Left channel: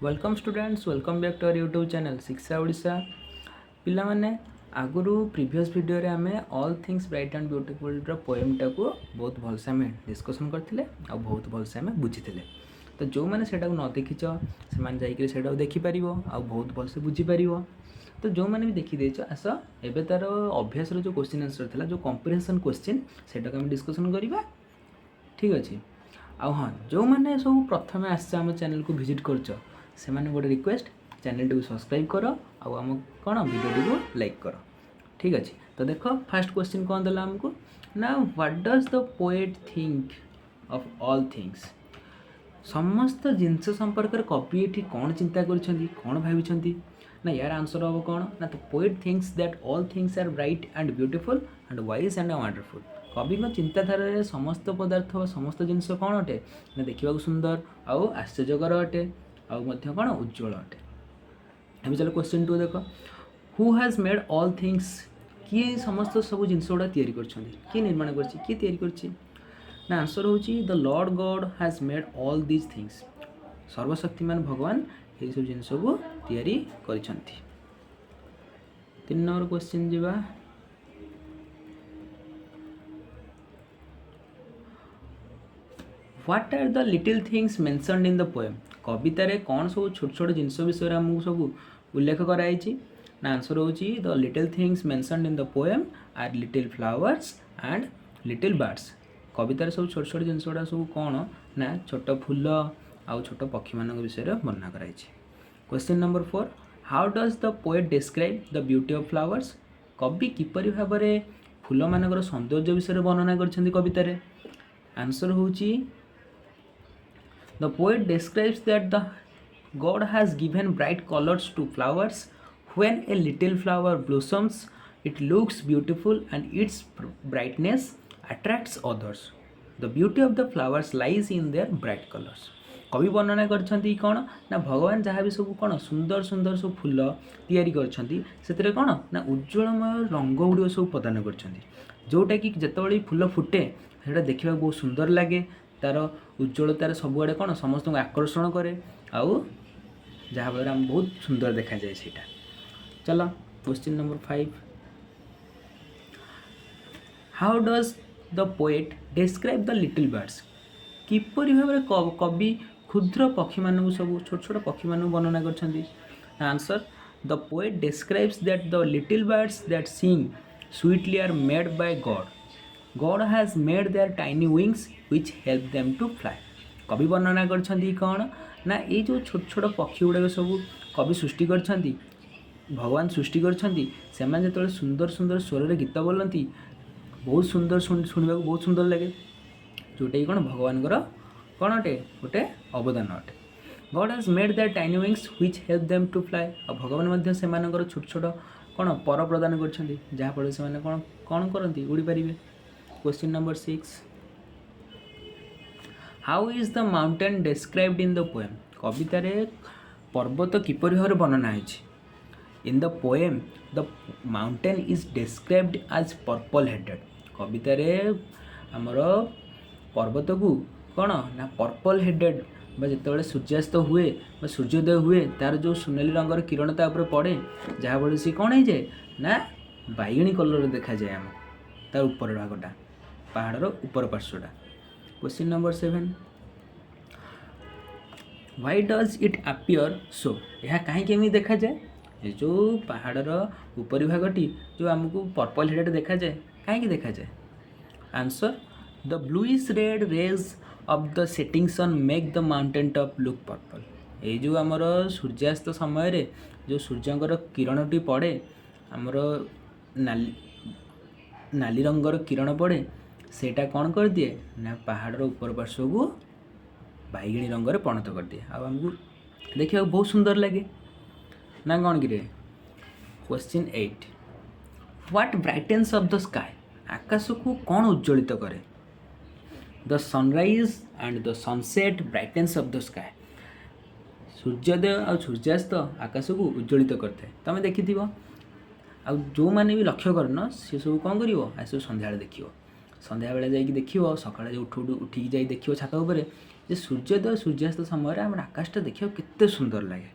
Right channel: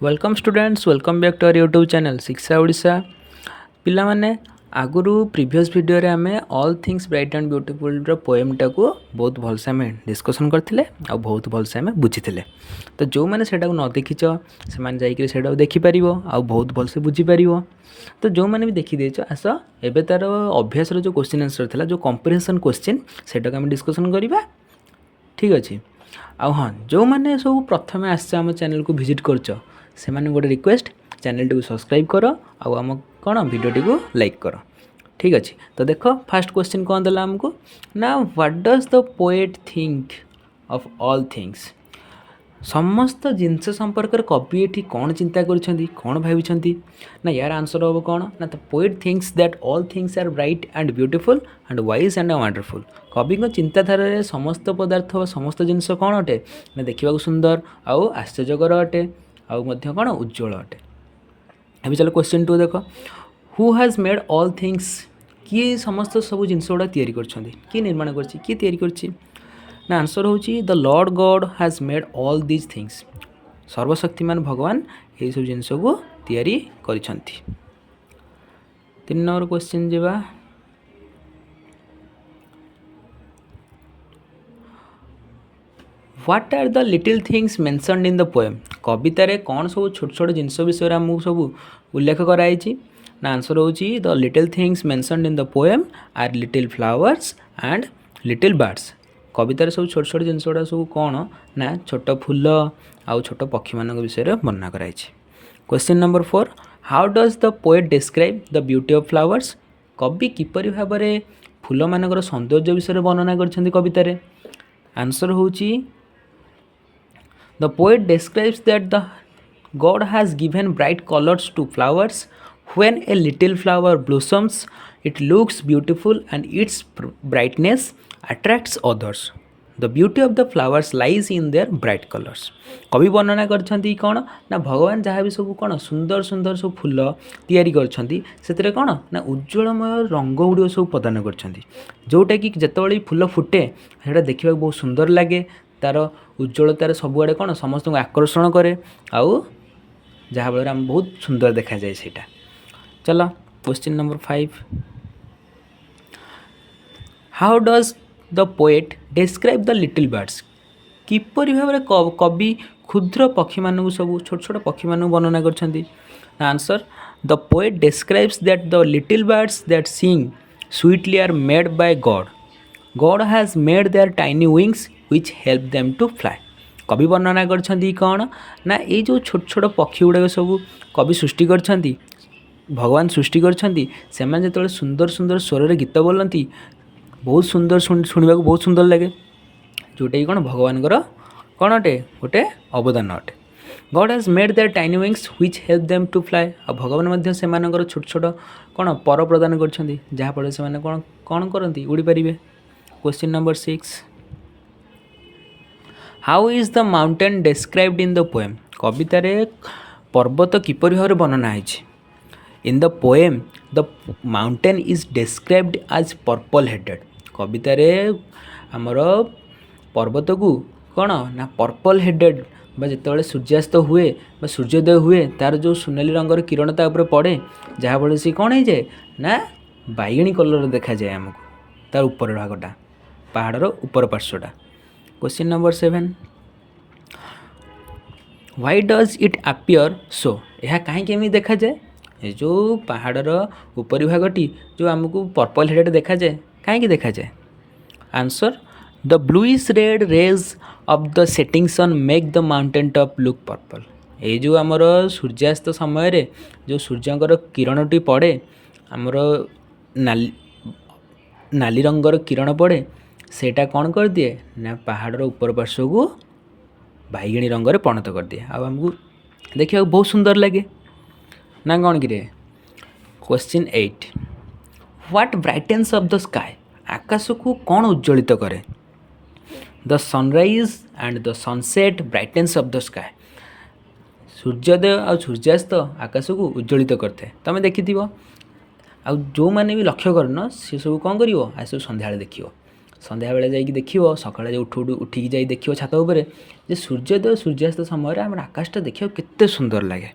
Welcome students welcome back to our YouTube channel Shiksha Odisha पिला माने आगुरु प्रीवियस वीडियो रे आमे all things bright and beautiful रो पोएम टाको बहुत भलसे आमे डिस्कशन करथिले आ बहुत भलसे आमे बुझिथिले तो जो माने सेटा को न देखिछ से माने जाई के सेटा देखि परिबो आ बहुत भलसे बुझि परिबो तो जो माने भी देखि देछ आस एबे तार अभ्यास रो जो क्वेश्चन आंसर थिला जो कंप्रिहेंशन क्वेश्चन सेटा को आमे डिस्कशन करिबा ठीक अछि आ हाँ जो माने सब प्रथमे आसे आम चैनल को विजिट करछ से माने गोटे रिक्वेस्ट चैनल टी सब्सक्राइब कर आम कौन वीडियो को लाइक कर ठीक अच्छे तो देख फास्ट क्वेश्चन कौन देला आमको ना what does the poet think of all things समस्त जिनस संपर्क कवि ये कौन चिंता कौन भाई ना यार आंसर हम कौन ना the poet thinks that all things are bright and beautiful and wise and wonderful कवि चिंताधारा समस्त पदार्थ समस्त जिनस कौन अटे ना देखा सुंदर आउ आश्चर्यकर अटे आउ कौन उज्ज्वल अटे अभी चलो क्वेश्चन 2 देख who has made all things किए समस्त सब जिनस गुड़ा किए निर्माण कर ना आंसर होची the lord God has made all these things सर्वशक्तिमान भगवान ये सब जिनस को तैयारी करिसंती 3 नंबर क्वेश्चन जेबा what are the little things mentioned in the poem कवितार कौन सब छोट छोट जिनस विषय आमको सब उल्लेख कराई ना आंसर होची the little things mentioned in the poem are little flowers and little birds कवितार सब छोट छोट जिनस गुड़ा सब कौन ना छोट फूल आउ छोट पक्षी मान विषय वर्णना कराई question number 4 how does the poet describe the beauty of flowers कवि किपरि भाव में फूल मानकर सौंदर्य विषय वर्णना कर कवितार आंसर होची The poet describes that the God has given bright colors to flowers. When a little flower blossoms, it looks beautiful and its brightness attracts others. The beauty of the flowers lies in their bright colors. कवि वर्णना करछंती कौन ना भगवान जहाँ भी सब कौन सुंदर सुंदर सब फूल तैयारी करछंती से कौन ना उज्ज्वलमय रंग गुड़ सब प्रदान करछंती जोटा कि जितेबाला फूल फुटे से देखा बहुत सुंदर लगे तार उज्ज्वलतार सबुआड़े कौन समस्त को आकर्षण करे आउ जहाँ फल आम बहुत सुंदर देखा जाए सेटा चलो question number 5 how does the poet describe the little birds किपरि भाव में कवि क्षुद्र पक्षी मानू सब छोट छोट पक्षी मानू वर्णना करछंती answer the poet describes that the little birds that sing sweetly are made by God has made their tiny wings which help them to fly कवि वर्णना करछंती कौन ना ये जो छोट छोट पक्षी गुड़ाक सब कवि सृष्टि करछंती भगवान सृष्टि करछंती से जो सुंदर सुंदर स्वर गीत बोलती बहुत सुंदर शुणा बहुत सुंदर लगे जोटा कि कौन भगवान कौन अटे गोटे अवदान अटे God has made their tiny wings which help them to fly और भगवान से छोट छोट कौन पर प्रदान करछंती जहाँफल से कौन कौन करती उड़ी पारे question number 6 how is the mountain described in the poem कवितार पर्वत किपरि भाव वर्णना है in the poem the mountain is described as purple headed कवितार आमर पर्वत को कौन ना पर्पल हेडेड जिते सूर्यास्त हुए सूर्योदय हुए तार जो सुनाली रंगर किरण तापर पड़े जहाँ फल सी कौन हो जाए ना बैगणी कलर देखा जाए आमको तार ऊपर भागटा पहाड़र ऊपर पार्श्वटा question number 7 why does it appear so यह कहीं केमी देखा जाए जो पहाड़र ऊपरी भागटी जो आमको पर्पल हेडेड देखा जाए कहीं देखा जाए answer the bluish red rays of the setting sun make the mountain top look purple ये जो आमर सूर्यास्त समय रे जो सूर्यंकर किरणटी पड़े आमर नाली रंगर किरण पड़े सेटा कौन कर दिए ना पहाड़र ऊपर पार्श्व को बैगणी रंग परिणत कर दिए आमको देखा बहुत सुंदर लगे ना कौन कि question 8 what brightens of the sky आकाश को कौन उज्ज्वलित करे the sunrise and the sunset brightens of the sky सूर्योदय और सूर्यास्त आकाश को उज्ज्वलित करते तुम देखि आ जो मैंने भी लक्ष्य करन सी सब कौन कर सन्ध्या देख सन्ध्या बेले जाइए देख सका उठ उठिकी जाई देख छात उपर ଯେ ସୂର୍ଯ୍ୟୋଦୟ ସୂର୍ଯ୍ୟାସ୍ତ ସମୟରେ ଆମର ଆକାଶଟା ଦେଖିବାକୁ କେତେ ସୁନ୍ଦର ଲାଗେ।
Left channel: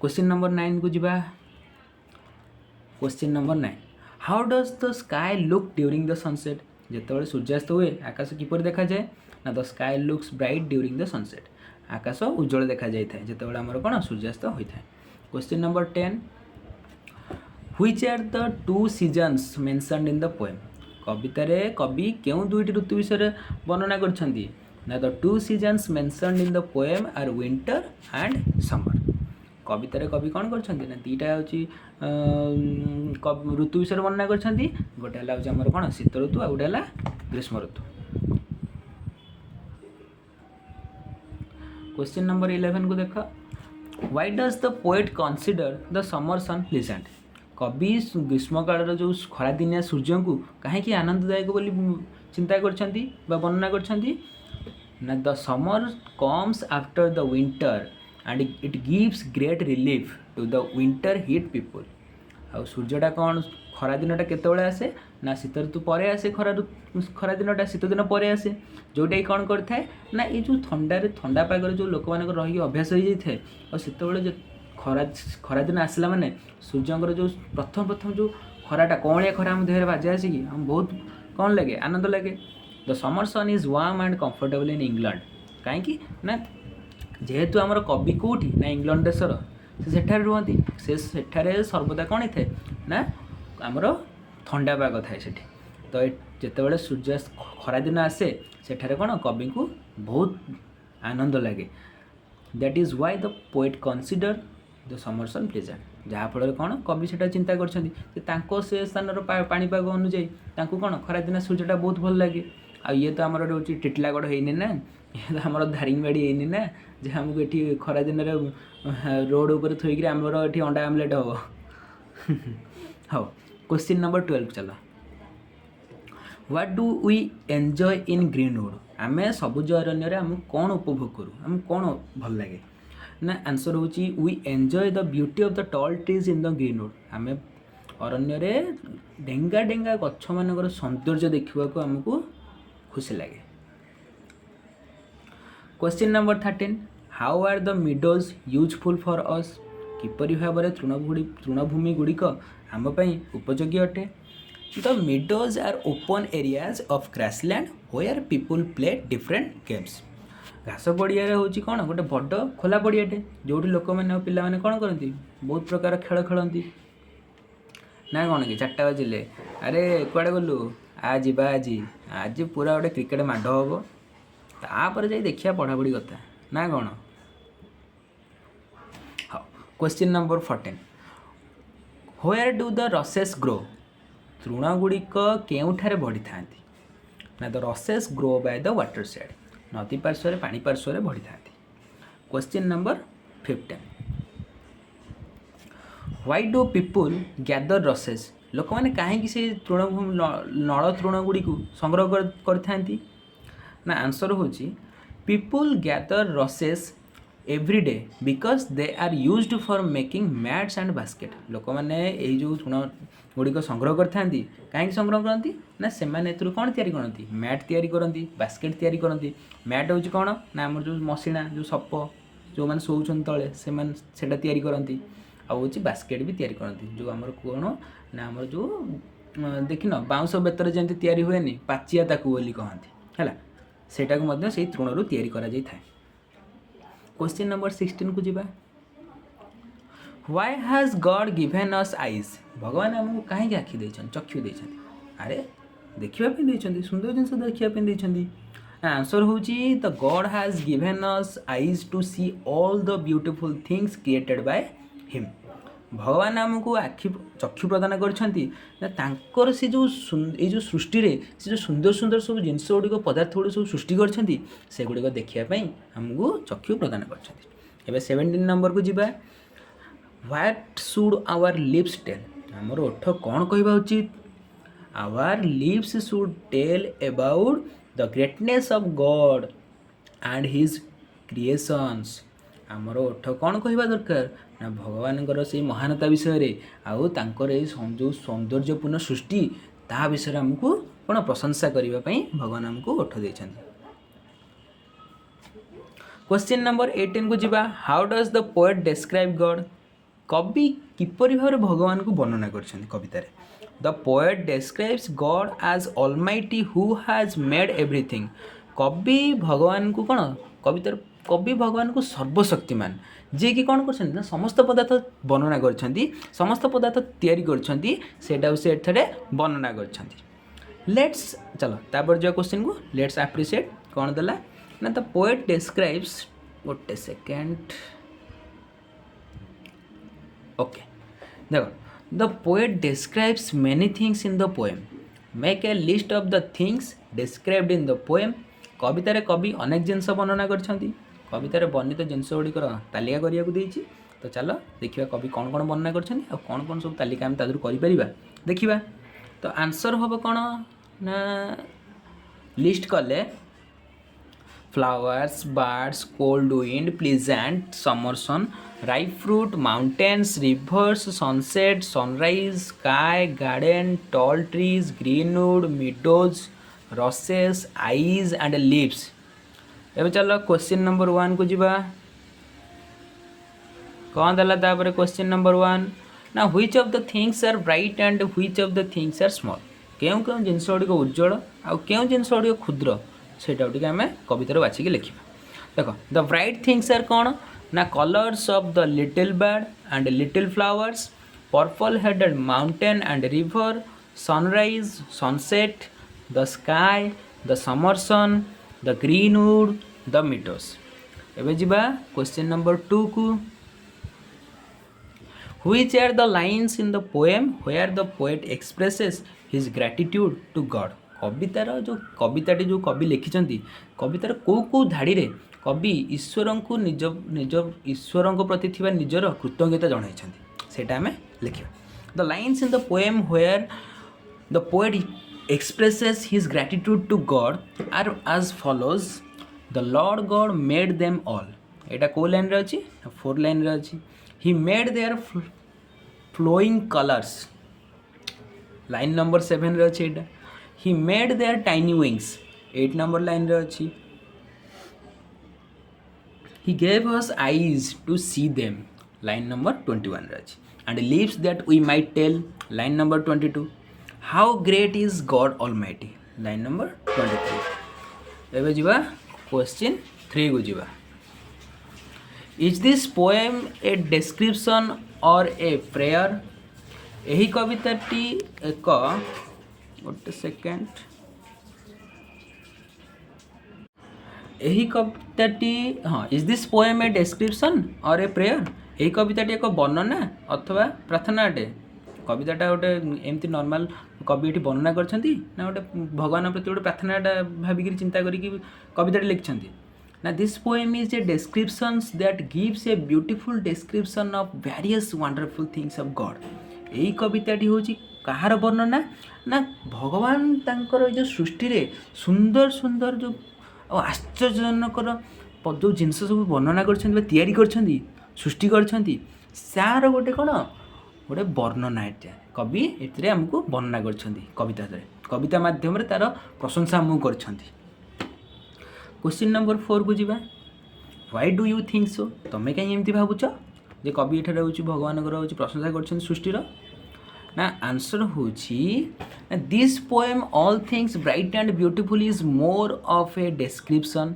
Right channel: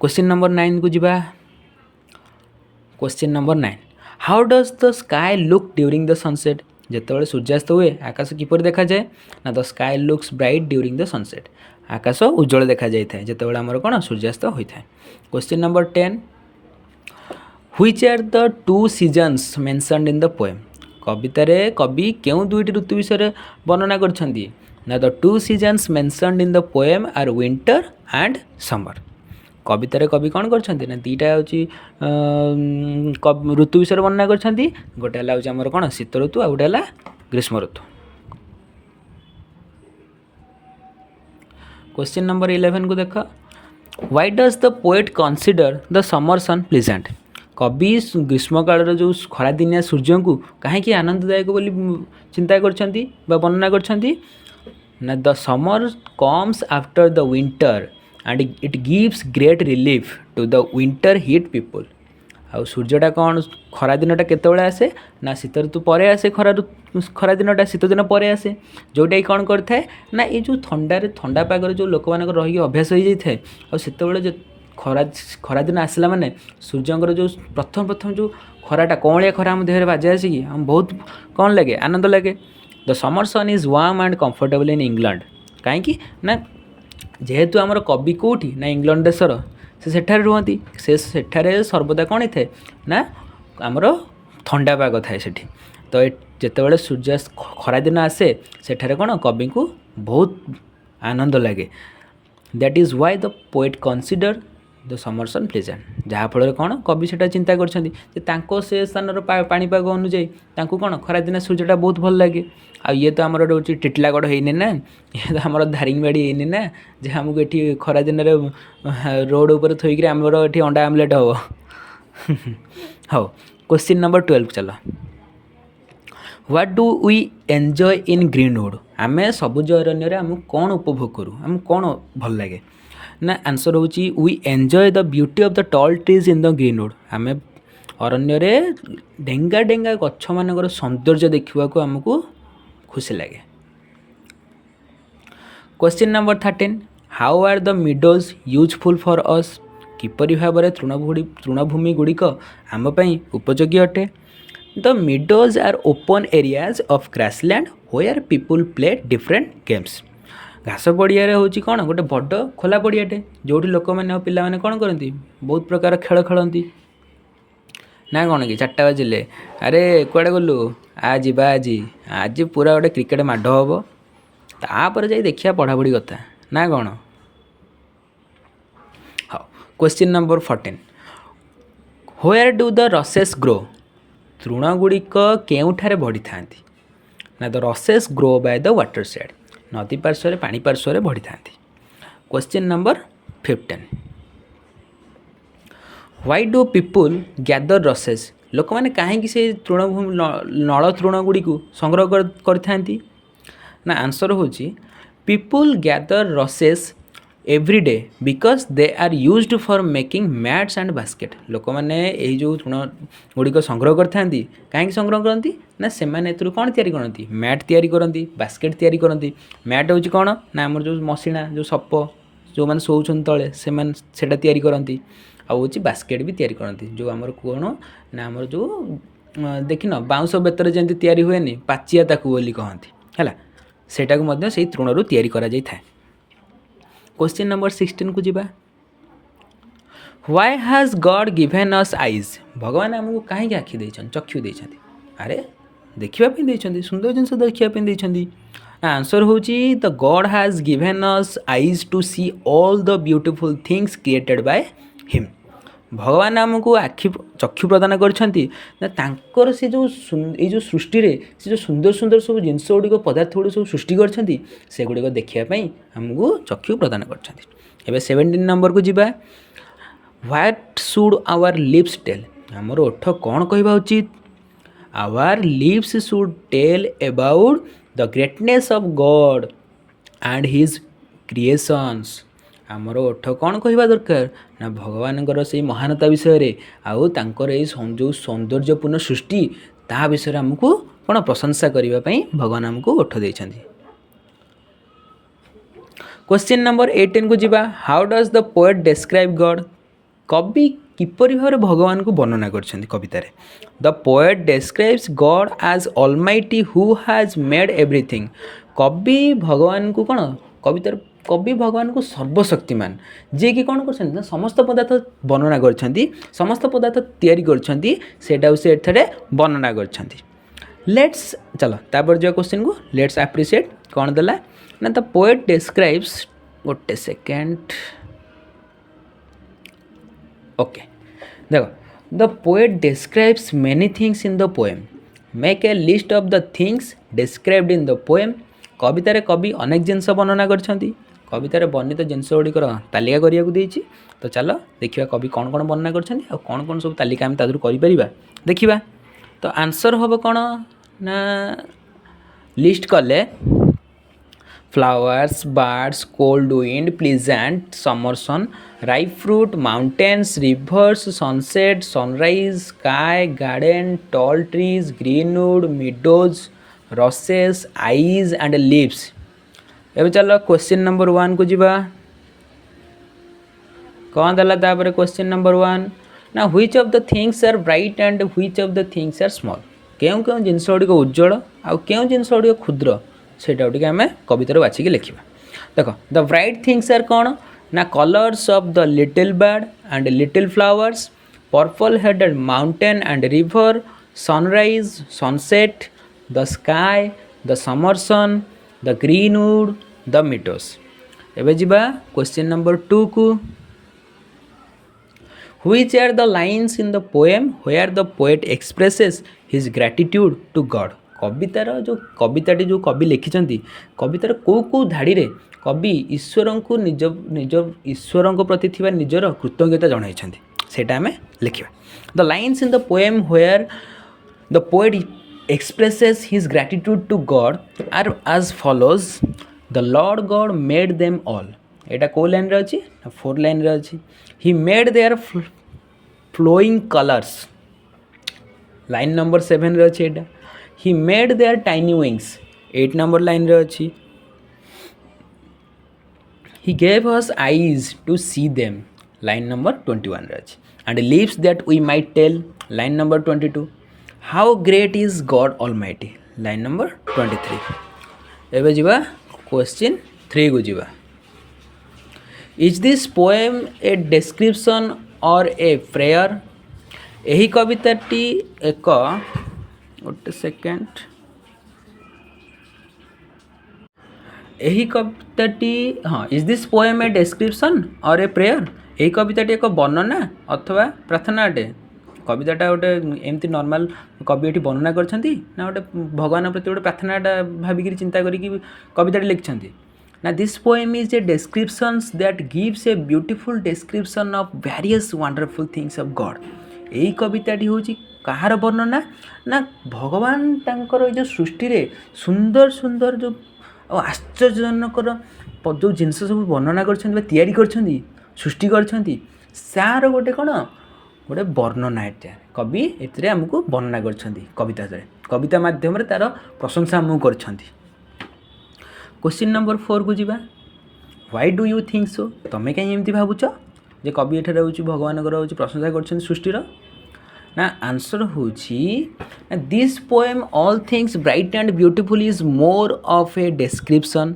क्वेश्चन नंबर 9 को ଯିବା। Question number 9, how does the sky look during the sunset. ଯେତେବେଳେ ସୂର୍ଯ୍ୟାସ୍ତ ହୁଏ ଆକାଶ କିପରି ଦେଖାଯାଏ ନା the sky looks bright during the sunset. ଆକାଶ ଉଜ୍ଜଳ ଦେଖାଯାଇଥାଏ ଯେତେବେଳେ ଆମର କ'ଣ ସୂର୍ଯ୍ୟାସ୍ତ ହୋଇଥାଏ। Question number 10, which are the two seasons mentioned in the poem. କବିତାରେ କବି କେଉଁ ଦୁଇଟି ଋତୁ ବିଷୟରେ ବର୍ଣ୍ଣନା କରିଛନ୍ତି ନା the two seasons mentioned in the poem are winter and summer. କବିତାରେ କବି କ'ଣ କରିଛନ୍ତି ନା ଦୁଇଟା ହେଉଛି ଋତୁ ବିଷୟରେ ବର୍ଣ୍ଣନା କରିଛନ୍ତି। ଗୋଟେ ହେଲା ହେଉଛି ଆମର କ'ଣ ଶୀତ ଋତୁ, ଆଉ ଗୋଟେ ହେଲା ଗ୍ରୀଷ୍ମ ଋତୁ। क्वेश्चन नंबर 11 को देख, why does the poet consider the summer sun pleasant. कवि ग्रीष्म काल जो खरादिनिया सूर्य को कहीं आनंददायक बोली चिंता करछंती बा वर्णना करछंती ना the summer comes after the winter and it gives great relief to the winter hit people. आउ सूर्यटा कौन खरा दिनटा केतबेले आसे ना शीत ऋतु पर आसे, खरा दिनटा शीत दिन पर आसे, जोटा कि कौन करता है ना ये जो ठंडा पागर जो लोक मान रही अभ्यास हो जाए और सेतबेले जो खरा दिन आसला माने सूर्यंकर जो प्रथम जो खराटा कौलिया खरा आम देह बाजे आसे कि आम बहुत कौन लगे आनंद लगे। The summer sun is warm and comfortable in England. कहीं ना जेहेतु आमर कवि कौटी ना इंग्लैंड देशर से सेठारे रुहती, से सेठारे सर्वदा कौन थाए ना आमर ठंडा पाग थाए सेठी। तो जितेबाला सूर्य खरा दिन आसे सेठारे कौन कवि को बहुत आनंद लगे। That is why the poet consider the summer sun pleasant. जहाँफल कौन कवि से चिंता कर से स्थान पाणीपाग अनुजाई कौन खरा दिन सूर्यटा बहुत भल लगे। आ ये तो आमर रोचे टिटलागढ़ होनी ना, ये तो आमर दारिंगबाड़ी होनी ना जे आमको ये खरा दिन रोड उपर थोक आमर ये अंडा आमलेट हम। हाँ, क्वेश्चन नंबर 12 चलो, what do we enjoy in greenwood. आम सबुज अरण्य आमको कौन उपभोग करूँ, आमको कौन भल लगे ना आंसर हूँ we enjoy the beauty of the tall trees in the greenwood. आम अरण्य डेंगा डेंगा गछ मानकर सौंदर्य देखा आमको खुशी लगे। Question number 13, how are the meadows useful for us. किपरि भाव में तृणभूमि गुड़िक आम उपयोगी अटे। The meadows are open areas of grassland where people play different games. घास पड़िया हूँ कौन गोटे बड़ खोला पड़ियाटे जो लोक मैंने पिला माने कौन करती बहुत प्रकार खेल खेलती ना कौन कि 4टा बाजिले अरे कुआड़े गलु आज आज पूरा गोटे क्रिकेट माड हम तापर जा देखिया पढ़ापढ़ी कथा ना कौन। हाँ, question number 14, where do the rushes grow. तृणगुड़िक केउठारे बढ़ी था ना the rushes grow by the water side. नदी पार्श्व पानी पार्श्व बढ़ी था। Question number 15, why do people gather rushes. लोक मैंने कहीं से तृणभूमि नल तृणगुड़ी को संग्रह करथांती ना आंसर हूँ people gather rushes every day because they are used for making mats and basket. लोक मैंने यही जो तृणगुड़िक संग्रह करथांती कहीं संग्रह करती ना से कौन तैयारी करती मैट तैयारी करती बास्केट तैयारी करती। मैट हूँ कौन ना आम जो मशीना जो सप जो मैंने शोचन तले से तैयारी करती आउ बास्केट भी तैयारी करती जो आमर कौन ना आमर जो देखिन बाउंश बेतर जमी तैयारी हुए पाचिया ताकू बोली कहती है सेटा को मध्य से तृणरू तैयारी करा जाय था। क्वेश्चन नंबर 16 को जीवा, why has God given us eyes. भगवान आमको कहीं आखि देछन चक्षु देछन अरे देखिया देछन सुंदर जिनस देखिया देछन। आंसर हूँ the God has given us eyes to see all the beautiful things created by him. भगवान आमको आखि चक्षु प्रदान कर से जो ये सृष्टि से जो सुंदर सुंदर सब जिनस गुड़िक पदार्थ गुड़ सब सृष्टि करगुड़िक देखापी आमको चक्षु प्रदान कर। 17 नंबर को जीवा, what should our lips tell. आमर ओठ कौन कहवा उचित। Our lips should tell about the greatness of God and his creations. आमर ओठ कौन कहवा दरकार ना भगवान से महानता विषय आउ तांकर जो सौंदर्यपूर्ण सृष्टि ता विषय आमको कौन प्रशंसा करने भगवान आमको ओठ देइछन्ति। क्वेश्चन नंबर 18 को जीवा how does the poet describe God कवि किपरि भाव भगवान को वर्णना करछन्ती कवितार the poet describes God as almighty who has made everything कवि भगवान को कौन कवितार कवि भगवान को सर्वशक्तिमान जी कि कौन कर समस्त पदार्थ वर्णना करछन्ती समस्त पदार्थ तैयारी करछन्ती सेटा से एथरे वर्णना करछन्ती लेट्स चलो तापर जो क्वेश्चन को लेट्स एप्रिशिएट कौन देला ना द पोएट डिस्क्राइब्स गोटे सेकेंड ओके देखो the poet describes many things in the poem make a list of the things described in the poem कवितार कवि अनेक जिनस वर्णना करछन्ती कवितार वर्णित जिनस गुड़िकर तालिका करिया देइछि तो चलो देखिए कवि कौन कौन वर्णना करछन्ती और कौन कौन सब तालिका आम तादुर करि परिबा देखिबा तो आंसर हम कौन ना लिस्ट कले flowers, birds, cold wind, pleasant summer sun, ripe fruit, mountains, rivers, sunset, sunrise, sky, garden, tall trees, greenwood, meadows, rushes, eyes and leaves. ଏବେ ଚାଲ क्वेश्चन नंबर 1 को ଯିବା कौन दला तापर क्वेश्चन नंबर 1 ना which of the things are bright and which of the things are small केउं केउं जिनस गुड़िक उज्जवल आउ केउं जिनस गुड़िक क्षुद्र सेटा टिके आम कवितार बाछिकी लिखा देख द ब्राइट थिंग्स आर कौन ना colours of the little bird and little flowers purple headed mountain and river sunrise sunset the sky the summer sun the greenwood the meadows एबे जिबा क्वेश्चन नंबर 2 को which are the lines in the poem where the poet expresses his gratitude to God कवितार जो कविताटी जो कवि लिखिं कवितार कौ धाड़ी रे कवि ईश्वर को निज निज ईश्वर प्रति थिबा निजर कृतज्ञता जणाइछन्ति सेटा आमे लिखिबा the lines in the poem where the poet expresses his gratitude to God are as follows the lord God made them all एटा को लाइन रे अछि 4 लाइन रे अछि he made their flowing colours line number 7 रे अछि एटा he made their tiny wings 8 number line रे अछि he gave us eyes to see them line number 21 रे अछि and lips that we might tell line number 22 how great is god almighty line number 23 एबे जिबा question 3 को जिबा is this poem a description or a prayer एही कविताटी एक गोटे second यही कविताटी हाँ is this poem A description और ए प्रेयर यही कविताटी एक वर्णना अथवा प्रार्थना अटे कविताटा गोटे एमती नॉर्मल कवि ये वर्णना करछन्ती ना गोटे भगवान प्रति गोटे प्रार्थनाटा भाविक चिंता करी कविताटी लिखिछन्ती ना this poem is a descriptions that gives a beautiful description of various wonderful things of God यही कविताटी होची कहार वर्णना ना भगवान तांकर जो सृष्टि रे सुंदर सुंदर जो आश्चर्यजनकर जो जिनस सब वर्णना कर तैयारी कर सृष्टि करछन्ती सार गोटे कौन गोटे वर्णना एटा कवि एथिरे हमको वर्णना करछन्ती कविता कविता माध्यम रे तार प्रशंसा हमको करछन्ती क्वेश्चन नंबर 4 को जीवा why do you think so तमे कहीं एमती भाबुछ जे कवि एठारे होची भगवान कर होची प्रशंसा करछन्ती सृष्टिर ना आंसर होची this poem all things bright and beautiful is more of a description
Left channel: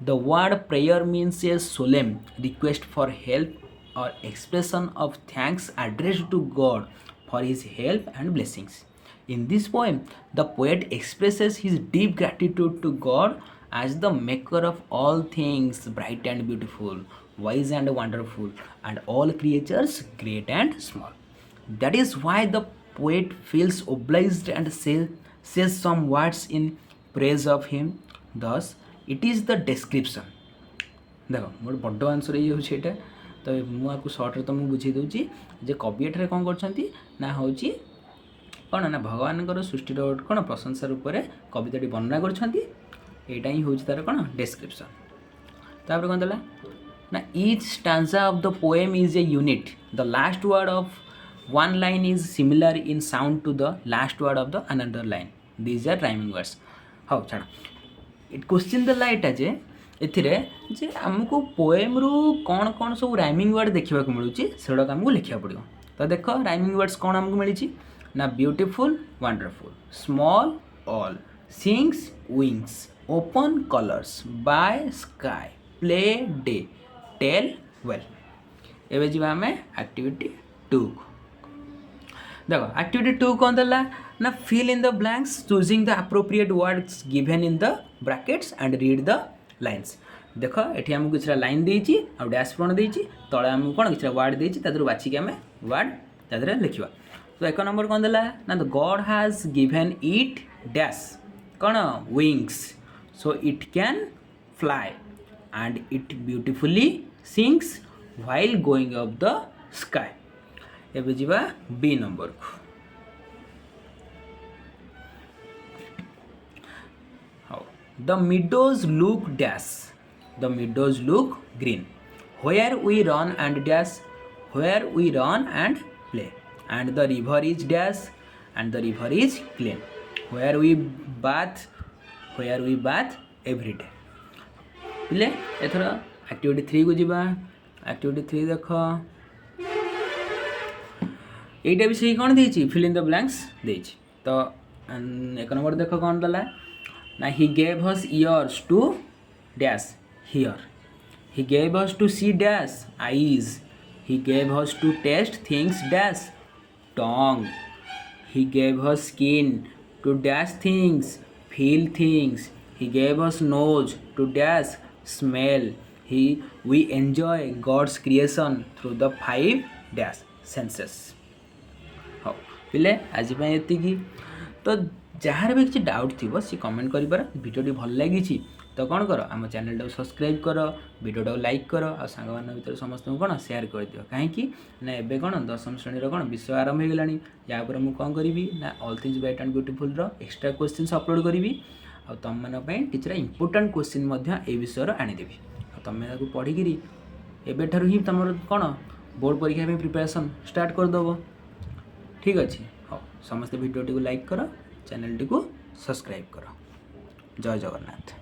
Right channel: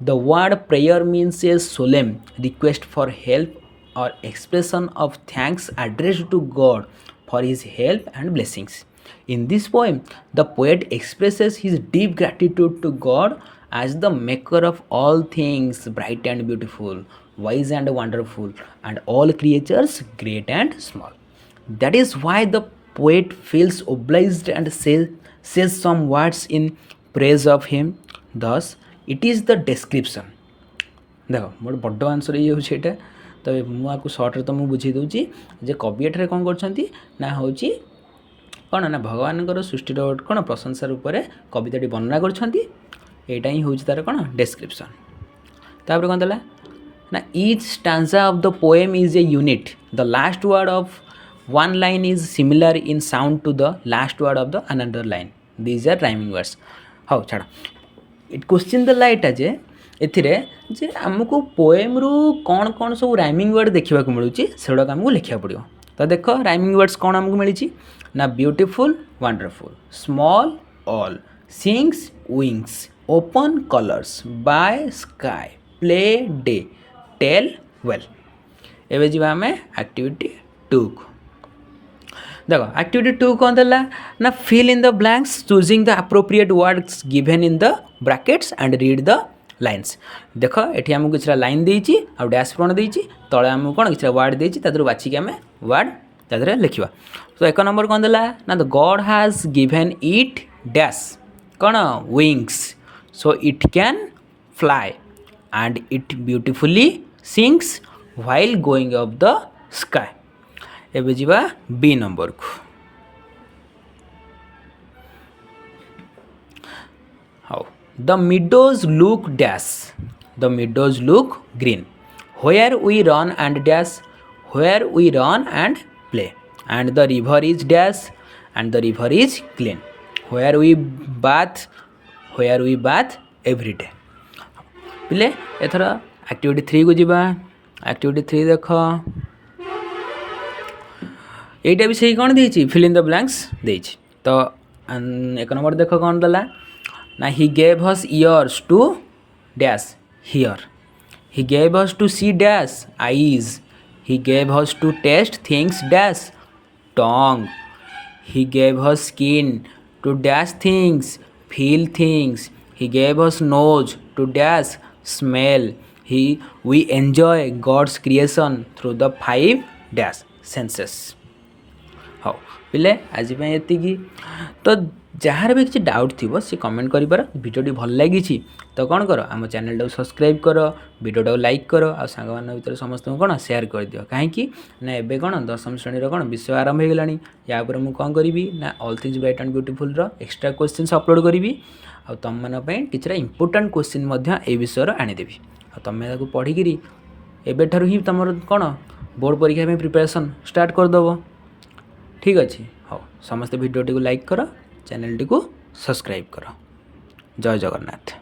the word prayer means a solemn request for help or expression of thanks addressed to God for his help and blessings. In this poem, the poet expresses his deep gratitude to God as the maker of all things bright and beautiful, wise and wonderful, and all creatures great and small. That is why the poet feels obliged and says some words in praise of him. Thus, it is the description. देखो मोर बड़ answer ये होछे एटा तो मुझे shirt तो मुझे बुझे दूची जे कवि एठारे कौन करछन्ती ना होची कौन ना भगवान सृष्टिर कौन प्रशंसा रूप से कविताटी वर्णना करछन्ती एटा ही होची तार कौन डेस्क्रिप्शन तापर कौन देला ना each stanza of the poem is a unit the last word of one line is similar in sound to the last word of the another line these are rhyming words हाँ छाड़ it question देला एटा जे एथिरे जे आमको poem रु कौन कौन सब rhyming word देखा मिलूँ से गुड़ाक आमको लिखा पड़ो। तो देख राइमिंग वर्ड्स कौन आमको मिली ना beautiful wonderful, small all, sings wings, open colours, by sky, play day, tell well. एवं जी आम एक्टिविटी 2 को देख एक्टिविटी 2 कौन देला ना fill in the blanks choosing the appropriate words given in the brackets and read the lines. देख ये आमको किसी लाइन देती आ डैश पूर्ण देती तले आमको कौन किसी वर्ड देती बाछिक आम वर्ड तादे लिखा। तो 1 नंबर कौन देला ना the God has given it dash कौन wings so it can fly and it beautifully sings while going up the sky. एबे जीवा बी नंबर को how the meadows look dash the meadows look green where we run and dash where we run and play and the river is dash and the river is clean where we bath every day। पिले एथर activity 3 को जीवा। Activity 3 देख यहीटा भी सही कौन देती fill in the blanks देती। तो 1 नंबर देख कौन देला ना he gave us ears to dash hear he gave us to see dash eyes he gave us to taste things dash tongue he gave us skin to dash things feel things he gave us nose to dash smell he we enjoy God's creation through the 5 dash senses. हाँ पिले आज ये तो jar भी किसी doubt थी सी comment कर भिडियोटी भल लगी तो कौन कर आम चैनल सब्सक्राइब कर भिडियो लाइक कर आ सांग भर समस्त कौन शेयर कर दियो कहीं ना एबे कौन 10वीं श्रेणी कौन विषय आरंभ हो गलानी या मैं कौन करी ना all things bright and beautiful extra question upload करी आ तुम मानी किसी इंपोर्टाट क्वेश्चन ए विषय आनीदेवी तुम्हें पढ़ी एबेठार ही तुम कौन बोर्ड परीक्षा प्रिपरेशन स्टार्ट करदेव। ठीक अच्छे हाँ समस्त भिडियोटी को लाइक कर चैनल टी को सब्सक्राइब कर। जय जगन्नाथ।